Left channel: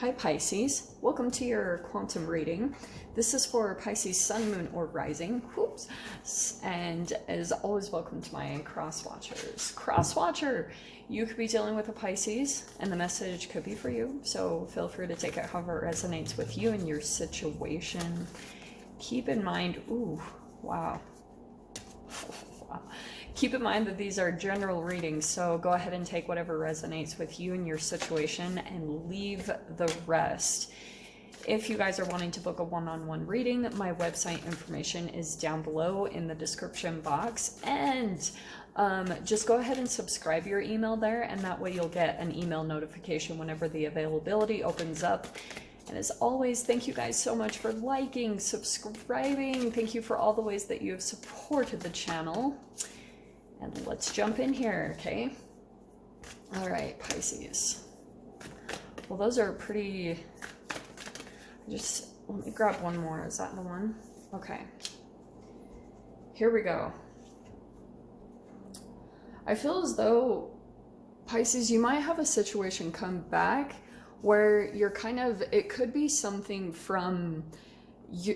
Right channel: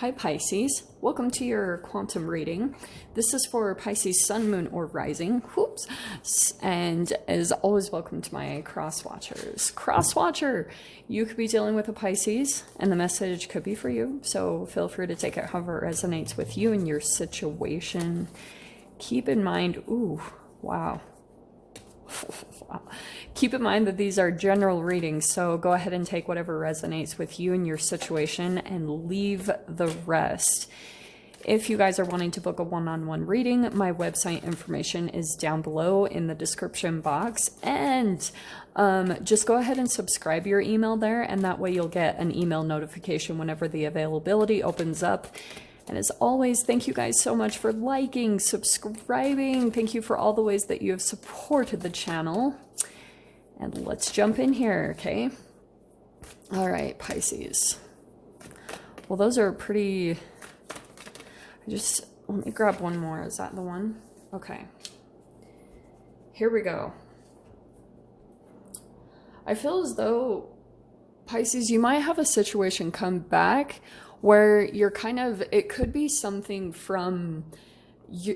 Hi Pisces, welcome to your quantum reading. This is for Pisces Sun, Moon, or Rising. Whoops. And as always, welcome to my cross watchers. Cross watcher, you could be dealing with a Pisces and the message could be for you. So feel free to take it however it resonates with you and your situation. Keep in mind, ooh, wow. Keep in mind that these are general readings, so go ahead and take whatever resonates with you and your situation and leave the rest. If you guys are wanting to book a one-on-one reading, my website information is down below in the description box, and just go ahead and subscribe your email there, and that way you'll get an email notification whenever the availability opens up. And as always, thank you guys so much for liking, subscribing. Thank you for all the ways that you have supported the channel. And let's jump in here, okay? All right, Pisces. Well, those are pretty... let me grab one more. Is that the one? Okay. Here we go. I feel as though, Pisces, you might have a situation come back where you're kind of, it could be something from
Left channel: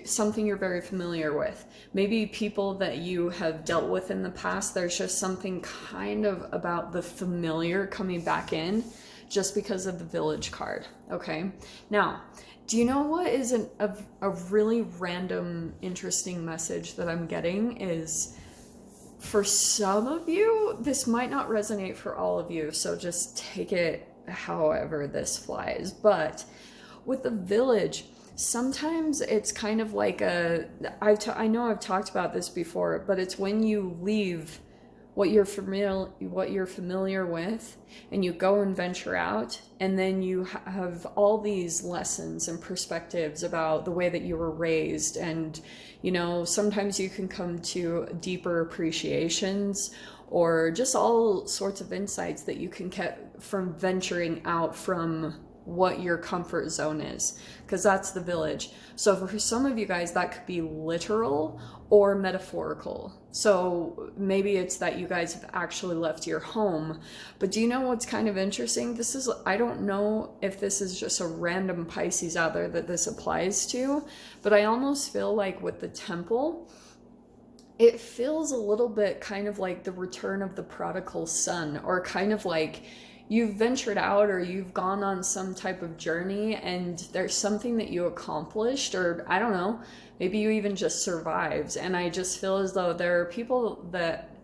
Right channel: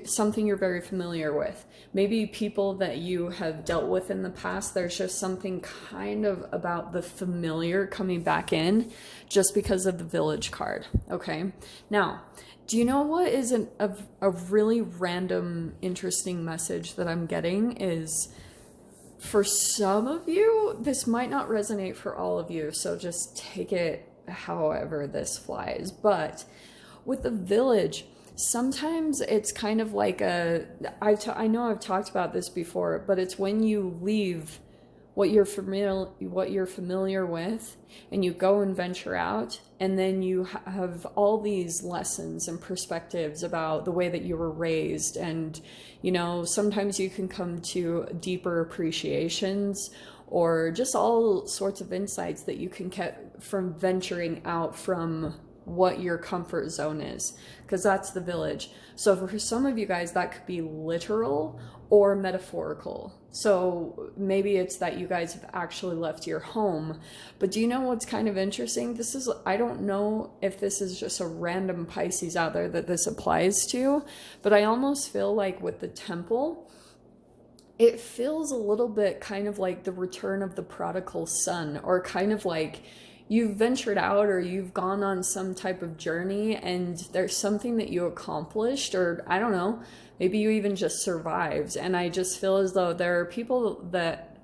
something you're very familiar with. Maybe people that you have dealt with in the past, there's just something kind of about the familiar coming back in just because of the Village card, okay? Now, do you know what is a really random, interesting message that I'm getting is, for some of you, this might not resonate for all of you, so just take it however this flies. But with the Village, sometimes it's kind of like I know I've talked about this before, but it's when you leave what you're familiar with and you go and venture out, and then you have all these lessons and perspectives about the way that you were raised, and you know, sometimes you can come to deeper appreciations or just all sorts of insights that you can get from venturing out from what your comfort zone is, because that's the Village. So for some of you guys, that could be literal or metaphorical. So maybe it's that you guys have actually left your home. But do you know what's kind of interesting? This is, I don't know if this is just a random Pisces out there that this applies to, but I almost feel like with the Temple, it feels a little bit kind of like the return of the prodigal son, or kind of like you've ventured out or you've gone on some type of journey and there's something that you accomplished, or I don't know, maybe you even just survived. And I just feel as though there are people that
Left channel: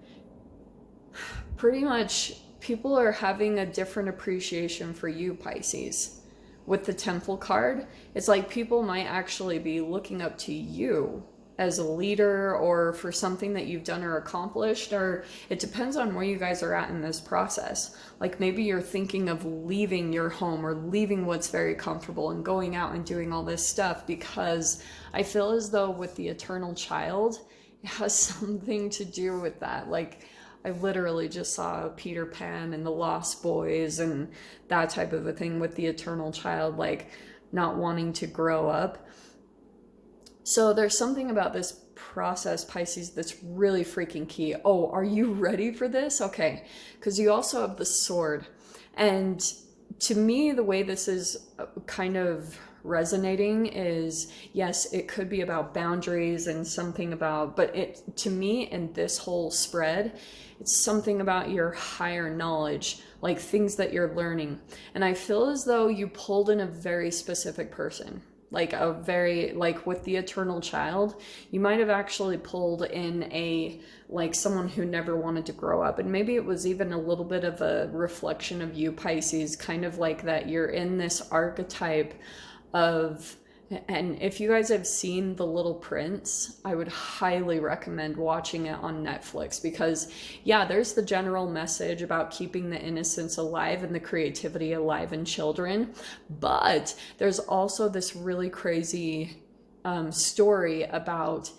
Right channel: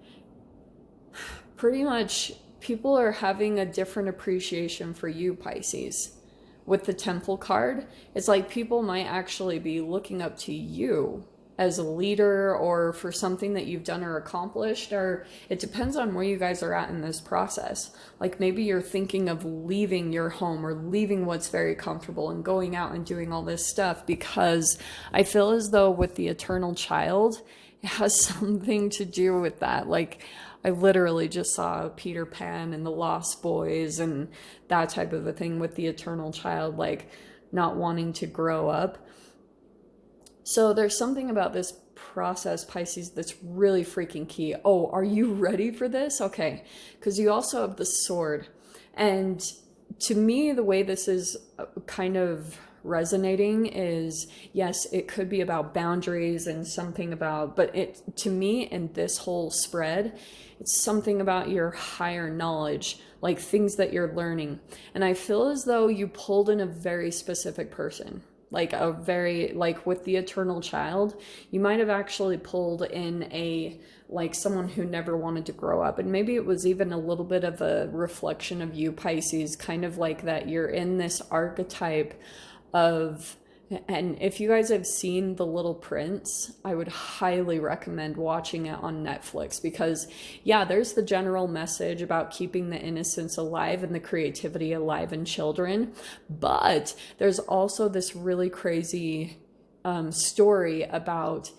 pretty much people are having a different appreciation for you, Pisces. With the Temple card, it's like people might actually be looking up to you as a leader, or for something that you've done or accomplished, or it depends on where you guys are at in this process. Like maybe you're thinking of leaving your home or leaving what's very comfortable and going out and doing all this stuff, because I feel as though with the Eternal Child, it has something to do with that. Like I literally just saw Peter Pan and the Lost Boys and that type of a thing with the Eternal Child, like not wanting to grow up. So there's something about this process, Pisces, that's really freaking key. Oh, are you ready for this? Okay, because you also have the Sword. And to me, the way this is kind of resonating is, yes, it could be about boundaries and something about, but it, to me, in this whole spread, it's something about your higher knowledge, like things that you're learning. And I feel as though you pulled in a very specific person. Like a very, like with the Eternal Child, you might have actually pulled in like someone who never wanted to grow up. And maybe it was even a little bit of a reflection of you, Pisces, kind of like that you're in this archetype of, and if you guys have seen The Little Prince, I would highly recommend watching it on Netflix, because yeah, there's the general message about keeping the innocence alive and the creativity alive in children, but there's also this really crazy story about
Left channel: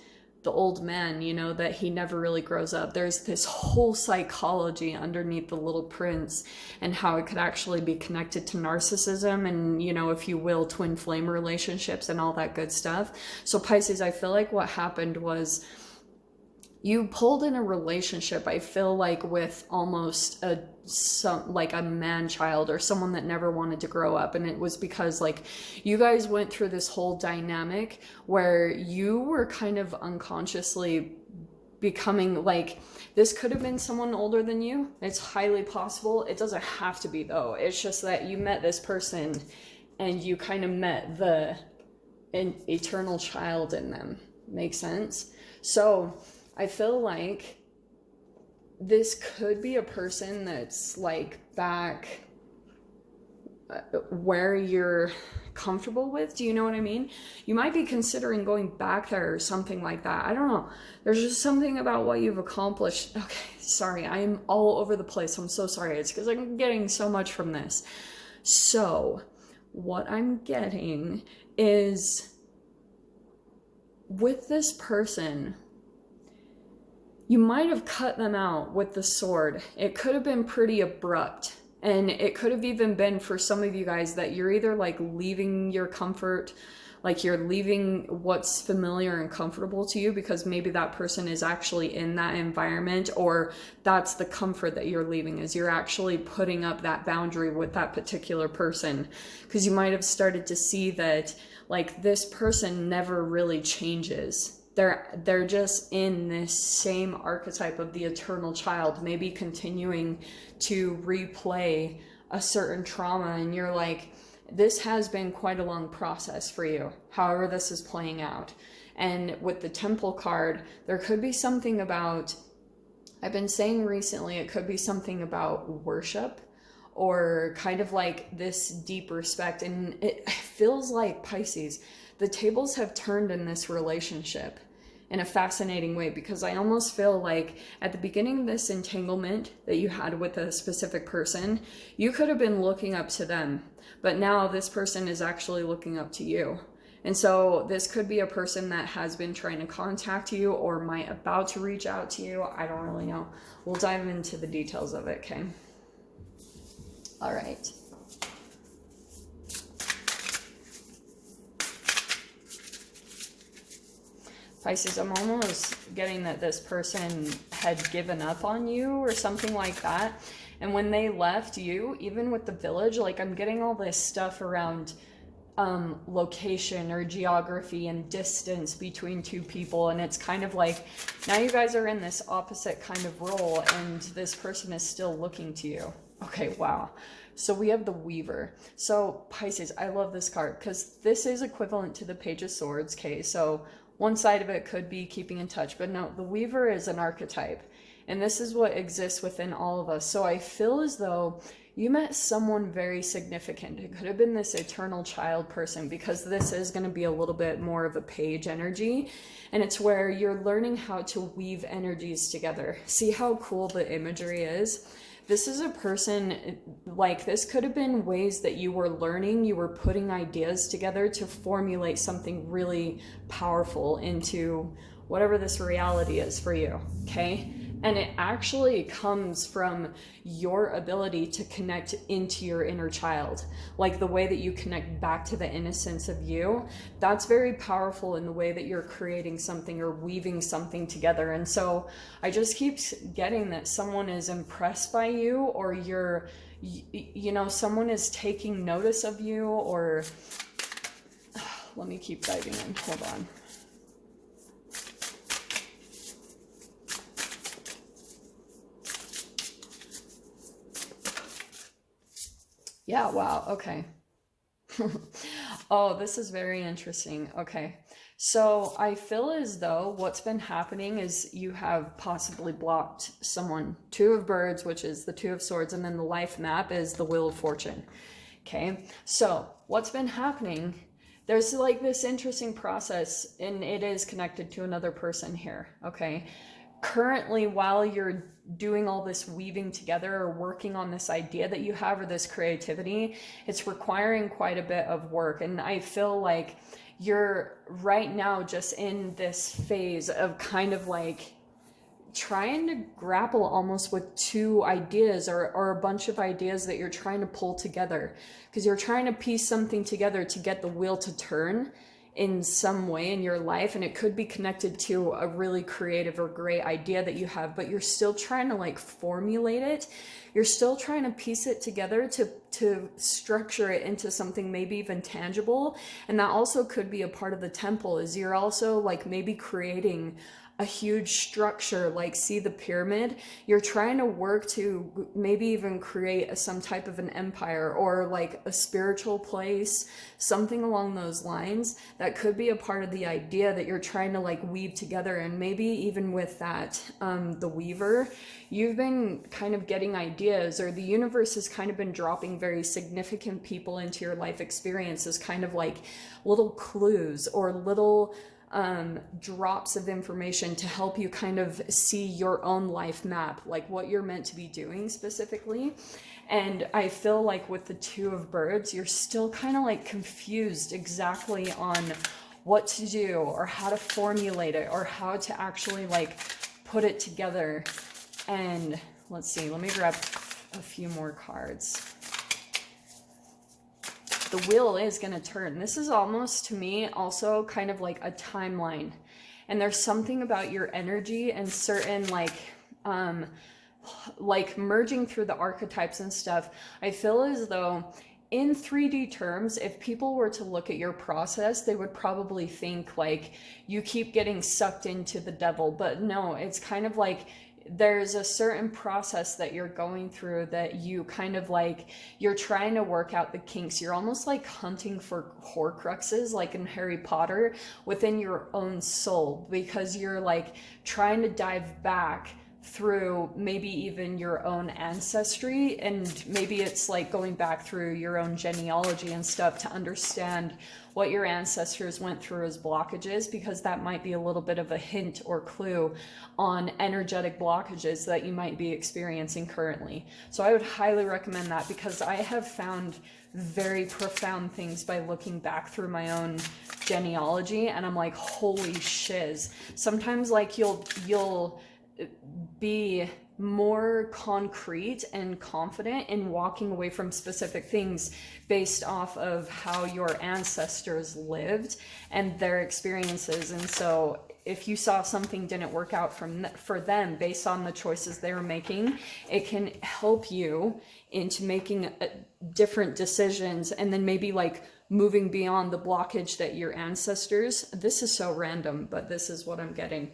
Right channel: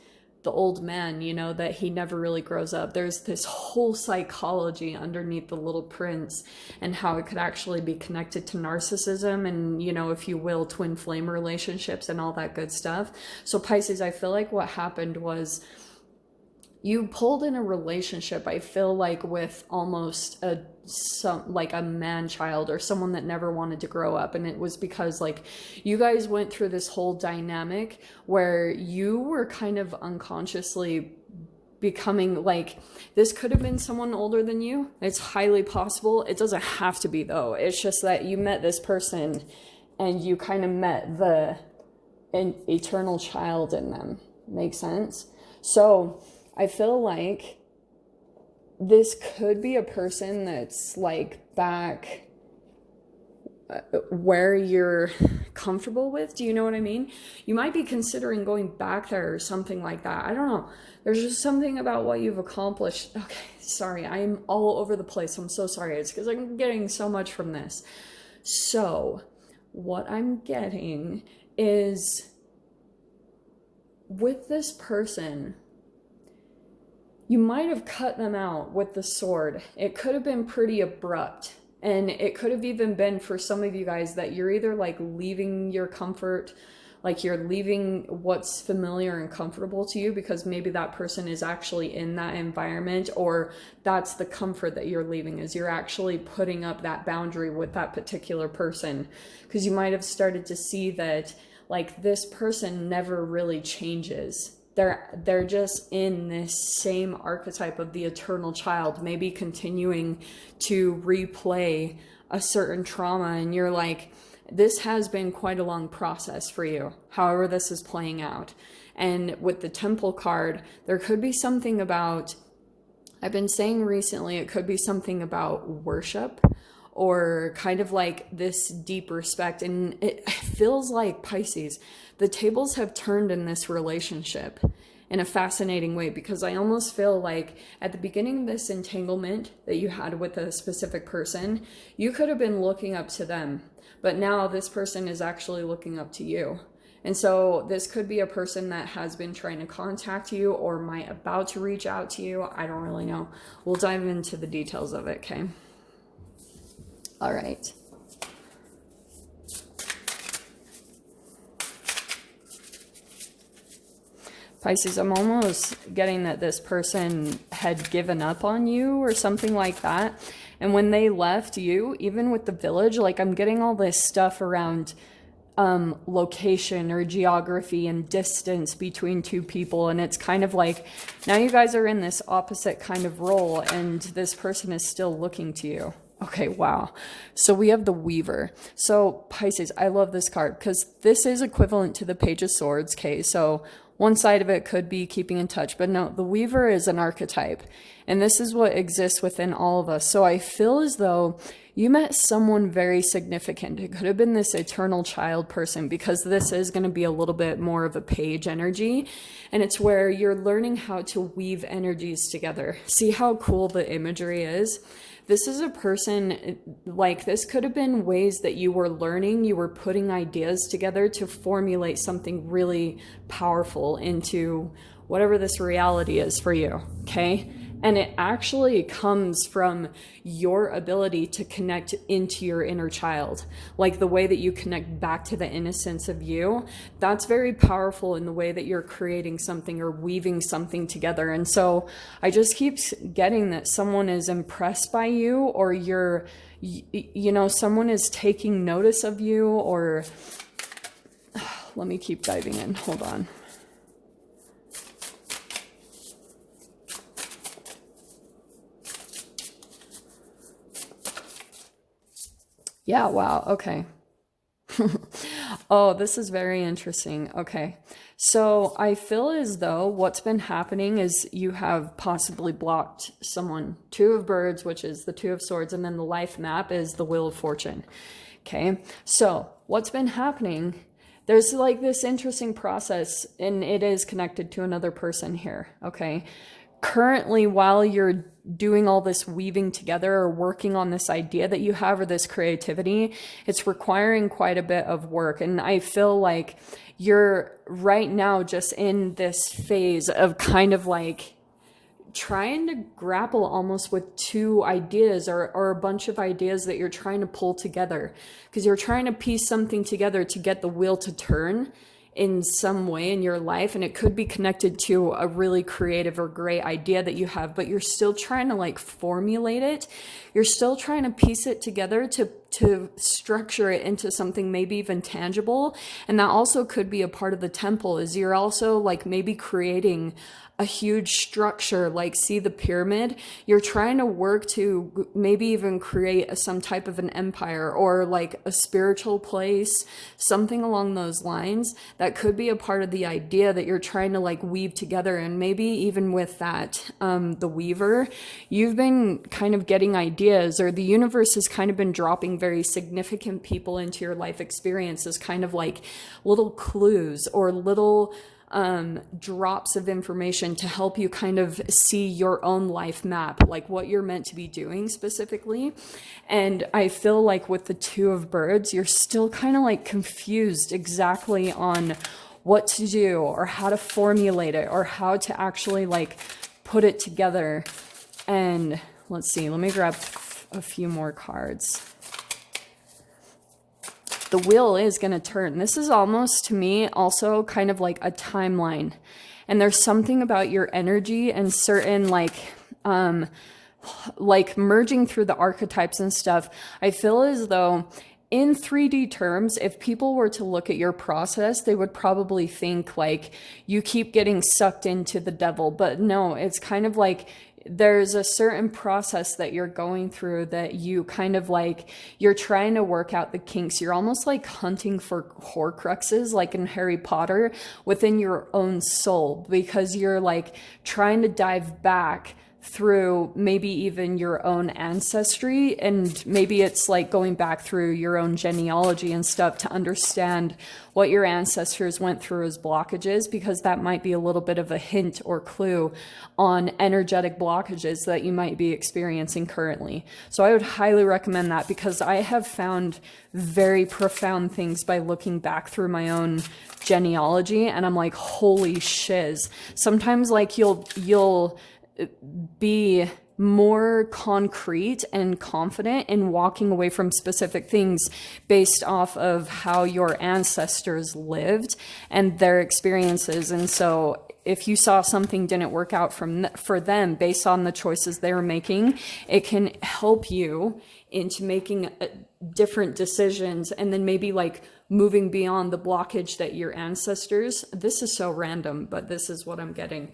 the old man, you know, that he never really grows up. There's this whole psychology underneath The Little Prince and how it could actually be connected to narcissism and, you know, if you will, twin flame relationships and all that good stuff. So Pisces, I feel like what happened was you pulled in a relationship, I feel like, with almost like a man child or someone that never wanted to grow up. And it was because like you guys went through this whole dynamic where you were kind of unconsciously becoming like, this could have been someone older than you. It's highly possible. It doesn't have to be though. It's just that you met this person and you kind of met an eternal child in them. Make sense? So I feel like this could be a person that's like back where you're comfortable with. Do you know what I mean? You might be considering going back there or something like that. I don't know. There's just something about what you've accomplished. Okay, sorry. I'm all over the place. I'm so sorry. It's because I'm getting so much from this. So what I'm getting is with this person, you might have cut them out with the sword. It could have been pretty abrupt. And it could have even been for some of you guys that you're either like leaving your comfort, like you're leaving what's familiar and comfortable to you because maybe that person is actually in that environment, or that's the comfort that you're leaving, is you're actually putting up that boundary with that particular person. Because you might have started to see that like this person never really changes. They're just in this same archetype of the eternal child, maybe continuing to replay a certain trauma, and you're like, this has been quite a long process for you, however this is playing out. And with the Temple card, there could be something about, I've been saying recently, it could be something about worship or kind of like this deep respect. And it feels like, Pisces, the tables have turned in this relationship in a fascinating way, because I almost feel like at the beginning of this entanglement that you had with a specific person, you could have been looking up to them, but now this person is actually looking up to you. And so this could be a person that has been trying to contact you or might about to reach out to you. I don't really know. We'll dive into the details of it, okay? All right. Pisces, I'm almost getting that this person had given up on you or something like that. And when they left you, even with the village, like I'm getting all this stuff around location or geography and distance between two people. And it's kind of like, now you guys are in this opposite kind of role and this person is still looking to you. Okay, wow. So we have the Weaver. So Pisces, I love this card because this is equivalent to the Page of Swords. Okay, so one side of it could be keeping in touch, but no, the Weaver is an archetype. And this is what exists within all of us. So I feel as though you met someone very significant. It could have been this eternal child person, because this is going to be a little bit more of a page energy. And it's where you're learning how to weave energies together. See how cool the imagery is? This is a person, like this could have been ways that you were learning, you were putting ideas together to formulate something really powerful into whatever this reality is for you, okay? And it actually comes from your ability to connect into your inner child. Like the way that you connect back to the innocence of you, that's very powerful in the way that you're creating something or weaving something together. And so I just keep getting that someone is impressed by you, or you're, you know, someone is taking notice of you, or let me keep diving in. Hold on. Yeah, wow, okay. Oh, this is very interesting. Okay, so I feel as though what's been happening is you have possibly blocked someone. Two of Birds, which is the Two of Swords, and then the life map is the Wheel of Fortune. Okay, so what's been happening, there's like this interesting process, and it is connected to another person here, okay? Currently, while you're doing all this weaving together or working on this idea that you have or this creativity, it's requiring quite a bit of work. And I feel like you're right now just in this phase of kind of like trying to grapple almost with two ideas or a bunch of ideas that you're trying to pull together, because you're trying to piece something together to get the wheel to turn in some way in your life, and it could be connected to a really creative or great idea that you have, but you're still trying to like formulate it. You're still trying to piece it together to structure it into something maybe even tangible. And that also could be a part of the temple, is you're also like maybe creating a huge structure, like see the pyramid. You're trying to work to maybe even create some type of an empire or like a spiritual place, something along those lines. That could be a part of the idea that you're trying to like weave together. And maybe even with that, the weaver, you've been kind of getting ideas, or the universe has kind of been dropping very significant people into your life experiences, kind of like little clues or little drops of information to help you kind of see your own life map, like what you're meant to be doing specifically. And I feel like with the Two of Birds, you're still kind of like confused exactly on what to do or how to formulate it or how to actually like put it together. And let's see, let me grab a few more cards. The wheel is going to turn. This is almost, to me, also kind of like a timeline. And there's something about your energy and certain like merging through the archetypes and stuff. I feel as though in 3D terms, if people were to look at your process, they would probably think like you keep getting sucked into the devil. But no, it's kind of like there's a certain process that you're going through that you kind of like, you're trying to work out the kinks. You're almost like hunting for horcruxes, like in Harry Potter, within your own soul, because you're like trying to dive back through maybe even your own ancestry, and maybe it's like going back through your own genealogy and stuff to understand what your ancestors went through as blockages, because that might be a little bit of a hint or clue on energetic blockages that you might be experiencing currently. So I would highly recommend that, because I have found very profound things by looking back through my own genealogy, and I'm like, holy shiz. Sometimes like you'll be more concrete and confident in walking away from specific things based off of how your ancestors lived and their experiences. And so if you saw something didn't work out for them based on the choices they were making, it can help you into making different decisions, and then maybe like moving beyond the blockage that your ancestors, this is so random, but this is what I'm getting.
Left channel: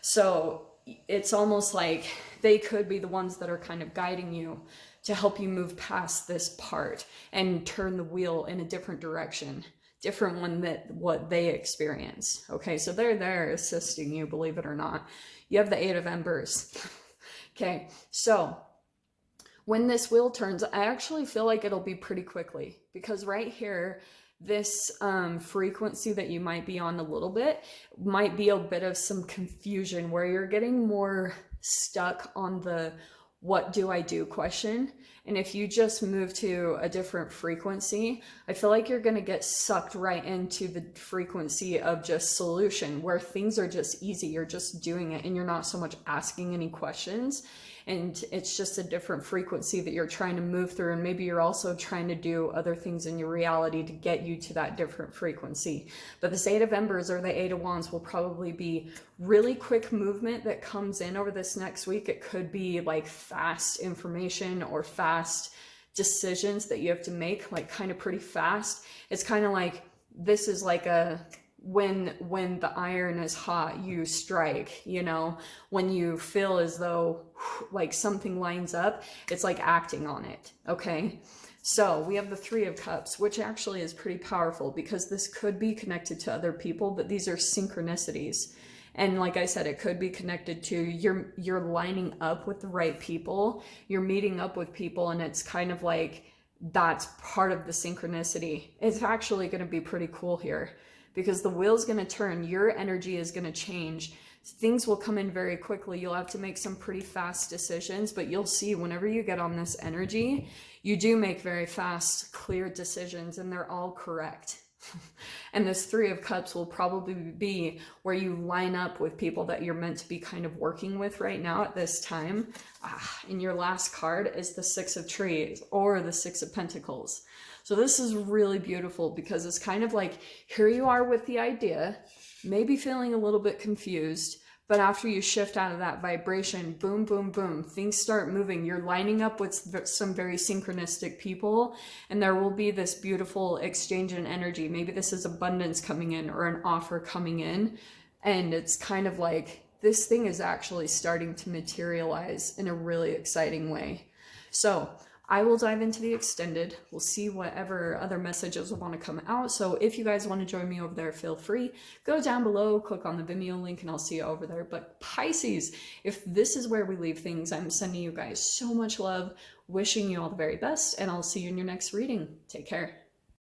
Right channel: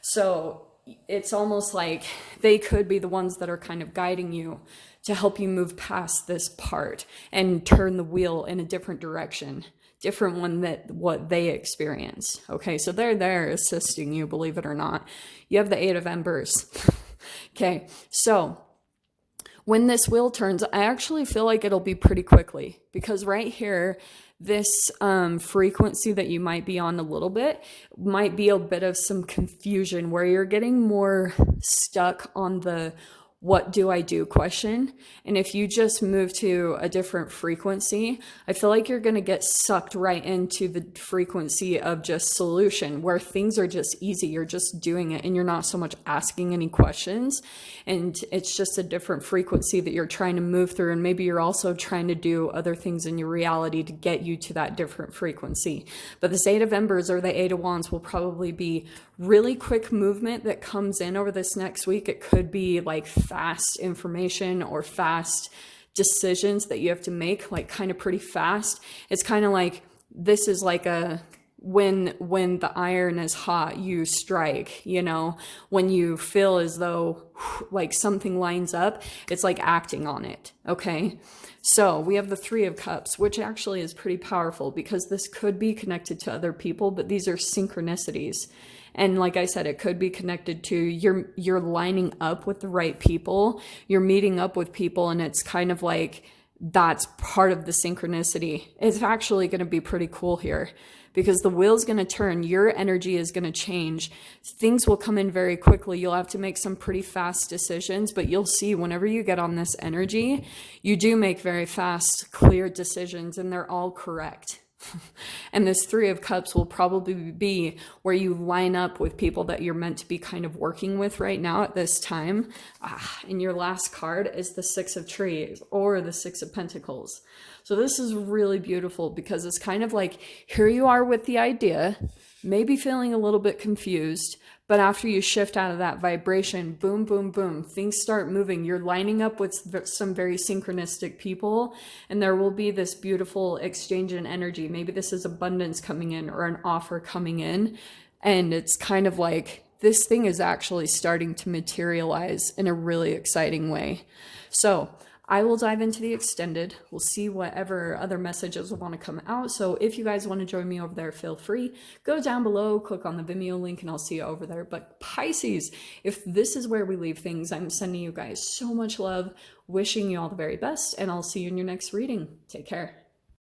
So it's almost like they could be the ones that are kind of guiding you to help you move past this part and turn the wheel in a different direction, different one that what they experience. Okay, so they're there assisting you, believe it or not. You have the Eight of Embers. Okay, so when this wheel turns, I actually feel like it'll be pretty quickly, because right here, this frequency that you might be on a little bit might be a bit of some confusion, where you're getting more stuck on the what do I do question. And if you just move to a different frequency, I feel like you're going to get sucked right into the frequency of just solution, where things are just easy. You're just doing it and you're not so much asking any questions. And it's just a different frequency that you're trying to move through. And maybe you're also trying to do other things in your reality to get you to that different frequency. But this Eight of Embers or the Eight of Wands will probably be really quick movement that comes in over this next week. It could be like fast information or fast decisions that you have to make, like kind of pretty fast. It's kind of like, this is like a, when the iron is hot, you strike, you know, when you feel as though like something lines up, it's like acting on it. Okay. So we have the Three of Cups, which actually is pretty powerful, because this could be connected to other people, but these are synchronicities. And like I said, it could be connected to you're lining up with the right people, you're meeting up with people, and it's kind of like that's part of the synchronicity. It's actually going to be pretty cool here, because the wheel's going to turn, your energy is going to change, things will come in very quickly. You'll have to make some pretty fast decisions, but you'll see whenever you get on this energy, you do make very fast, clear decisions, and they're all correct. And this Three of Cups will probably be where you line up with people that you're meant to be kind of working with right now at this time. And your last card is the Six of Trees or the Six of Pentacles. So this is really beautiful because it's kind of like, here you are with the idea, maybe feeling a little bit confused, but after you shift out of that vibration, boom, boom, boom, things start moving. You're lining up with some very synchronistic people, and there will be this beautiful exchange in energy. Maybe this is abundance coming in or an offer coming in. And it's kind of like this thing is actually starting to materialize in a really exciting way. So I will dive into the extended. We'll see whatever other messages will want to come out. So if you guys want to join me over there, feel free. Go down below, click on the Vimeo link, and I'll see you over there. But Pisces, if this is where we leave things, I'm sending you guys so much love, wishing you all the very best, and I'll see you in your next reading. Take care.